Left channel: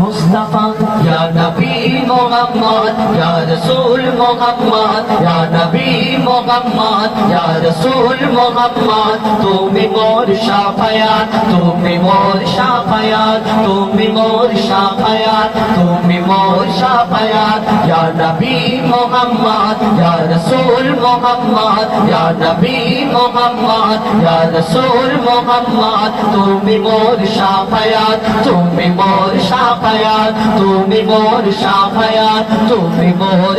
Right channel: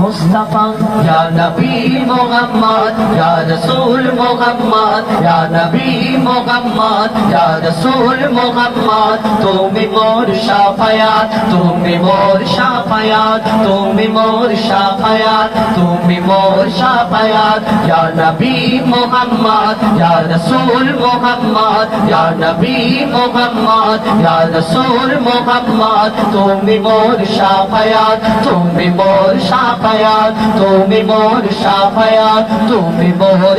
মুস্তাফা ইয়া নবী মুহাম্মদ ইয়া রাসূল মুহাম্মদ ইয়া নবী মুহাম্মদ ইয়া রাসূল মুহাম্মদ তুমি মোর শাফায়াত তুমি মোর শাফায়াত তুমি মোর শাফায়াত তুমি মোর শাফায়াত ইয়া নবী মুহাম্মদ ইয়া রাসূল মুহাম্মদ ইয়া নবী মুহাম্মদ ইয়া রাসূল মুহাম্মদ তুমি মোর শাফায়াত তুমি মোর শাফায়াত তুমি মোর শাফায়াত তুমি মোর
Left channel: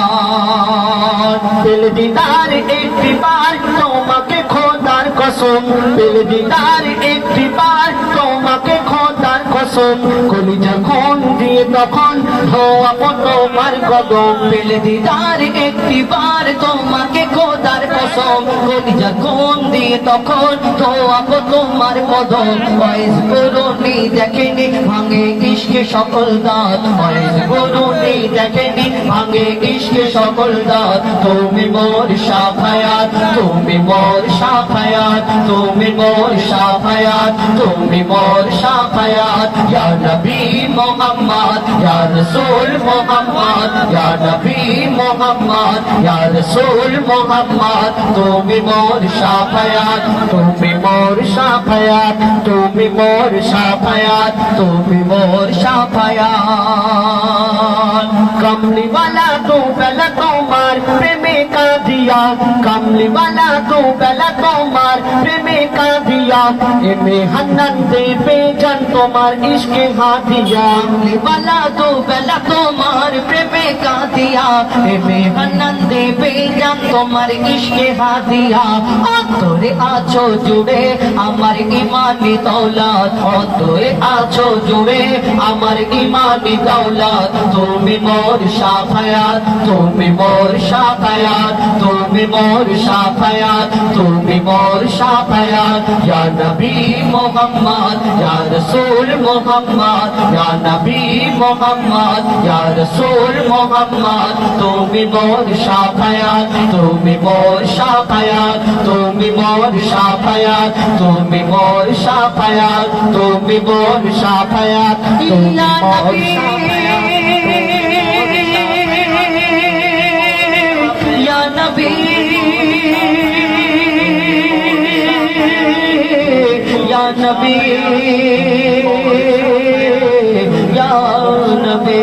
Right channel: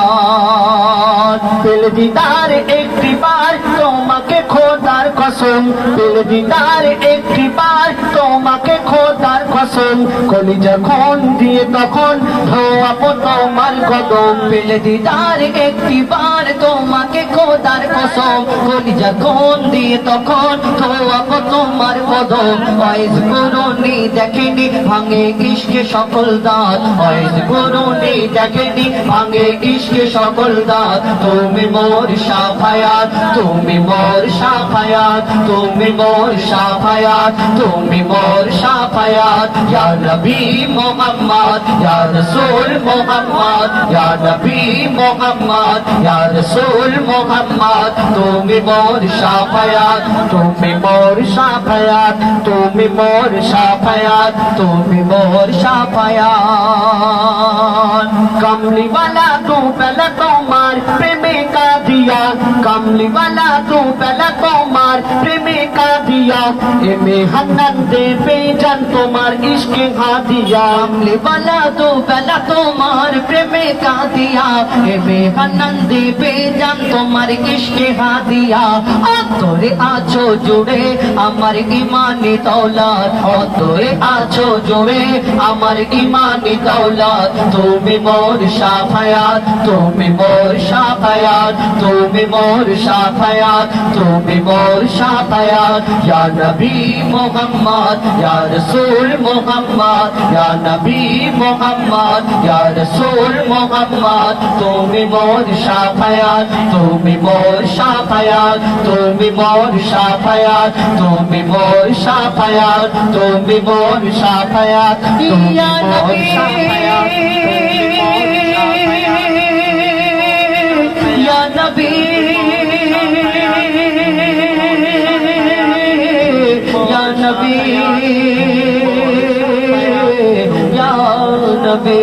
শাফায়াত দিল দিদার একটি বার তোমাকে খোদার কসম দিল দিদার একটি বার তোমাকে খোদার কসম কলিজা খুন দিয়ে তখন ধোয়াবো তোমার কদম দিল দিদার একটি বার তোমাকে খোদার কসম কলিজা খুন দিয়ে তখন ধোয়াবো তোমার কদম ওয়াইজ করুনি দেখেনি ভাঙে ইশকে সকল দাঁত ওয়াইজ করুনি দেখেনি ভাঙে ইশকে সকল দাঁত তুমি মোর শাফায়াত তুমি মোর শাফায়াত তুমি মোর শাফায়াত তুমি মোর শাফায়াত ইয়া নবী মুহাম্মদ ইয়া রাসূল মুহাম্মদ ইয়া নবী মুহাম্মদ ইয়া রাসূল মুহাম্মদ তুমি মোর শাফায়াত তুমি মোর শাফায়াত তুমি মোর শাফায়াত তুমি মোর শাফায়াত কমলি वाला तू पहला তোমার প্রেমে কাঁদিয়া কমলি वाला तू पहला তোমার প্রেমে কাঁদিয়া এমে হান্নান দেবে জান তোমার ইশকে হাদিয়া কমলি वाला तू पहला তোমার প্রেমে কাঁদিয়া এমে হান্নান দেবে জান তোমার ইশকে হাদিয়া অন্তরে আছো জুড়ে আমার ইমানি দৌলত অন্তরে আছো জুড়ে আমার ইমানি দৌলত তুমি মোর শাফায়াত তুমি মোর শাফায়াত তুমি মোর শাফায়াত তুমি মোর শাফায়াত ইয়া নবী মুহাম্মদ ইয়া রাসূল মুহাম্মদ ইয়া নবী মুহাম্মদ ইয়া রাসূল মুহাম্মদ তুমি মোর শাফায়াত তুমি মোর শাফায়াত তুমি মোর শাফায়াত তুমি মোর শাফায়াত তুমি মোর শাফায়াত ইয়া নবী ইয়া নবী ইয়া নবী ইয়া নবী